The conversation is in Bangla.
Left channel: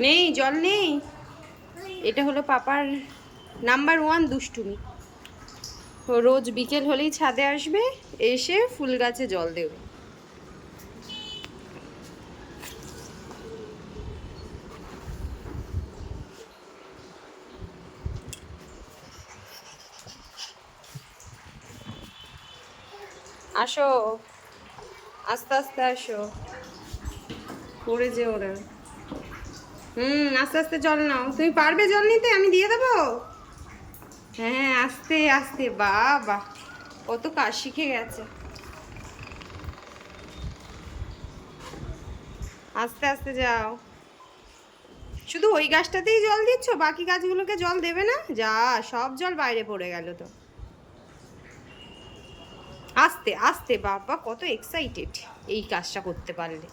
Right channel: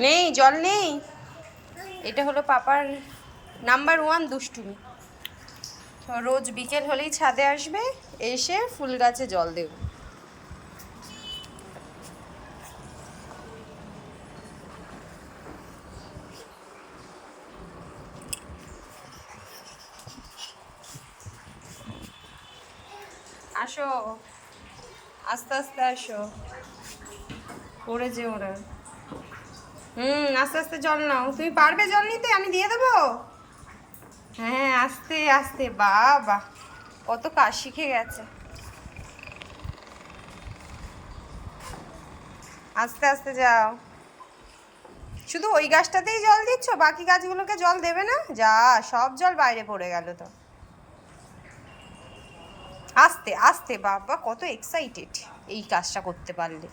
নেই, জল নেই। এটা হলো পাপার নাম্বার 1 দুষ্টুমি। তো রোজ বিকেল হলেই ছাদে আসবে, এসে ফুল গাছে জল দেবে। আসো, আস্তে আস্তে আসো, পড়ে যে ওরা। আস্তে আস্তে জল নাও। তুমি পারবে জল নিতে? আমি দিয়ে দেবো। হ্যাঁ, আস্তে আস্তে। বাবা, কত কাজ শিখে গেছে। আস্তে আস্তে যাও। শুধু ওই গাছটাতেই জল দিচ্ছ, বাকি গাছগুলোকে জল দেবে না? যা, সব জল বাইরে পড়ে গেল তো। আস্তে আস্তে। বাবা, কত এক্সাইটেড এই কাজটা করতে পারলে।